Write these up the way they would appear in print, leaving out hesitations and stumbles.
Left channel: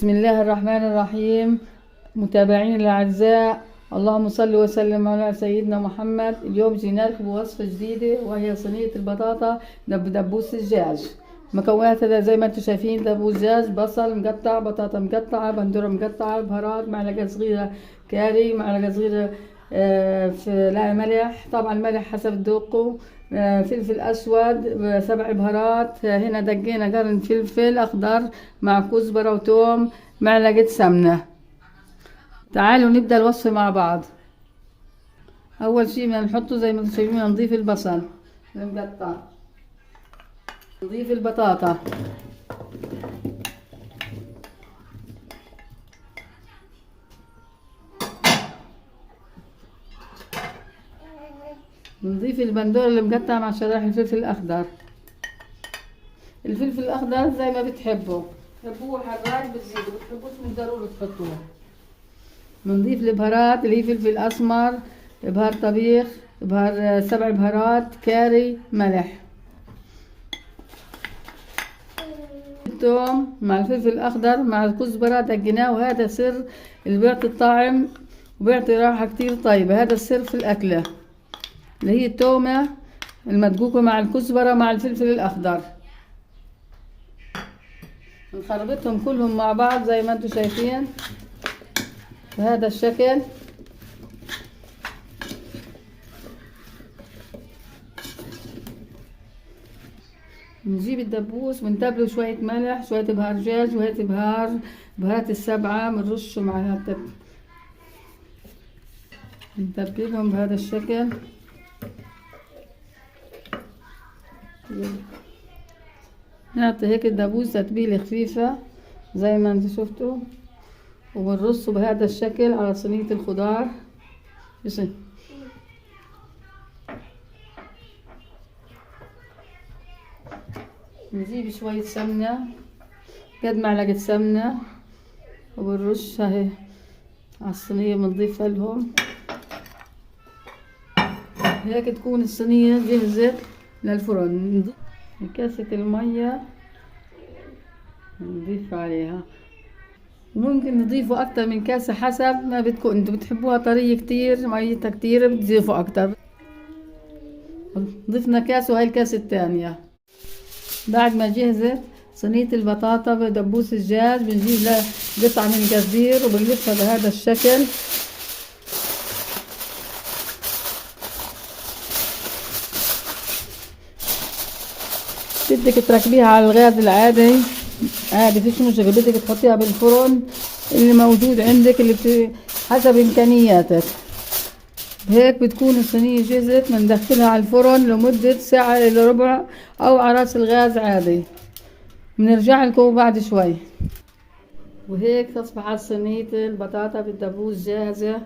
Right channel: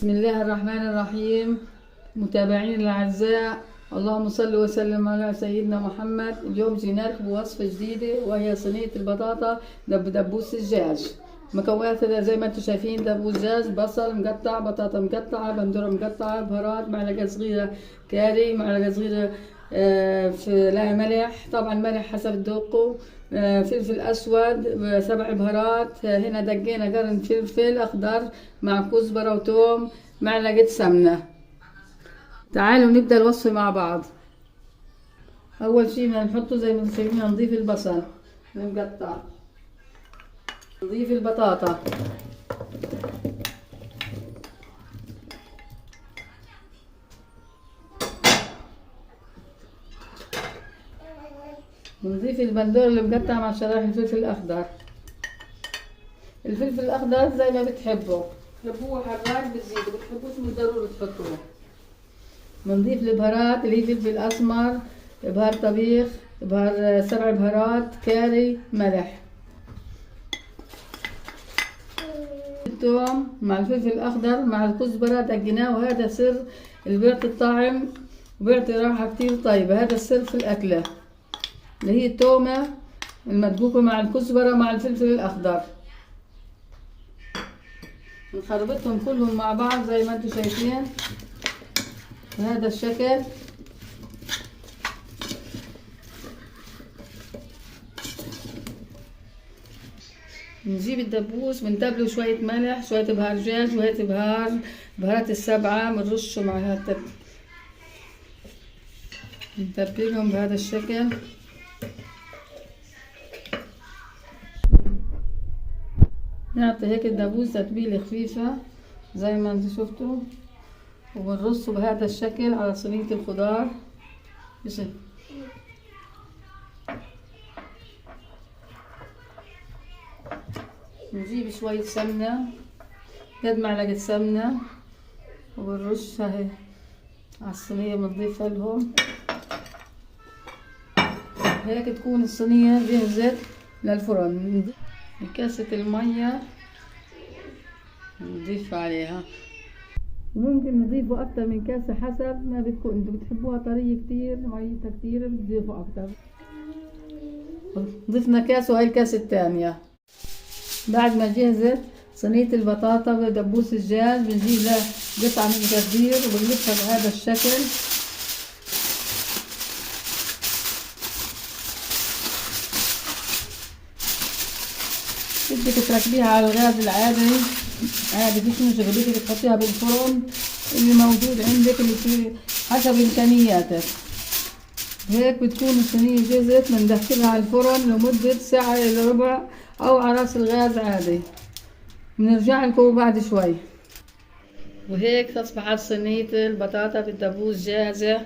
بسم الله الرحمن الرحيم. متابعين الأعزاء، اللهم صل وسلم على سيدنا محمد. اليوم جينا لكم بوصفة جديدة وهي صينية البطاطا بدبوس الدجاج. مكوناتها زي ما انتم شايفين: دبوس دجاج، بصل مقطع، بطاطا مقطعة، بندورة مقطعة، بهارات، معلقة صغيرة كاري، معلقة صغيرة لا ملح، طبعا ملح حسب ذوقه، فلفل اسود، 7 بهارات. هنا دقينا قرن فلفل اخضر مع كزبرة وتوم، معلقة سمنة. تعالوا نبدأ الوصفة مع بعض. اول شي بدنا نحطه زي ما انتم شايفين، نضيف البصل المقطع، نضيف البطاطا، نضيف البندور اللي مقطع مع شرايح الفلفل الاخضر. الفلفل الاخضر زي ما بتحبوا، بتحبوه حبات بتزيدوا، بتحبوش مش ضروري تحطوه. بنضيف البهارات اللي هي فلفل اسمر، بهار طبيخ، بهار 7 بهارات، كاري، ملح. الثوم مع الفلفل الاخضر مع الكزبره دقناه، وهذا سر اللي بيعطي الطعم وبيعطي راحه كتير طيبه. هذا السر في الاكله اللي هي التومه المدقوقه مع الكزبره مع الفلفل الاخضر. نخربطهم كلهم مع بعض زي ما انتم شايفين بهذا الشكل. نجيب الدبوس بنتبله شوية ملح، شوية بهار دجاج، شوية بهارات السبعة بنرشه مع هذا، نتبلهم بهذا الشكل. نعطي هيك الدبوس تتبيلة خفيفة زي ما انتم شفتوا، وبنرصه بهذا الشكل على صينية الخضار. نجيب شوية سمنة، قد معلقة سمنة، وبنرشها اهي على الصينية، بنضيفها لهم هيك تكون الصينية جهزت للفرن. كاسة المية نضيف عليها، ممكن نضيفوا اكتر من كاسة حسب ما بدكم انتوا. بتحبوها طرية كتير، ميتها كتير، بتضيفوا اكتر. ضفنا كاسة وهي الكاسة الثانية. بعد ما جهزت صينية البطاطا بدبوس الدجاج، بنجيب لها قطعة من الجرجير وبنلفها بهذا الشكل. بدك تركبيها على الغاز العادي عادي، فيش مشكلة. بدك تحطيها بالفرن اللي موجود عندك، اللي حسب امكانياتك. هيك بتكون الصينية جهزت. بندخلها على الفرن لمدة ساعة إلا ربع أو على راس الغاز عادي. بنرجع لكم بعد شوي. وهيك تصبحت صينية البطاطا بالدبوس جاهزة.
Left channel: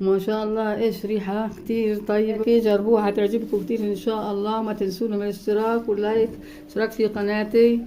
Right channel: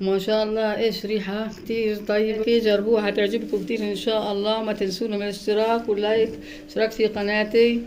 ما شاء الله ايش ريحة كتير طيبة. جربوها، تعجبكم كتير ان شاء الله. ما تنسونا من الاشتراك واللايك، اشتراك في قناتي.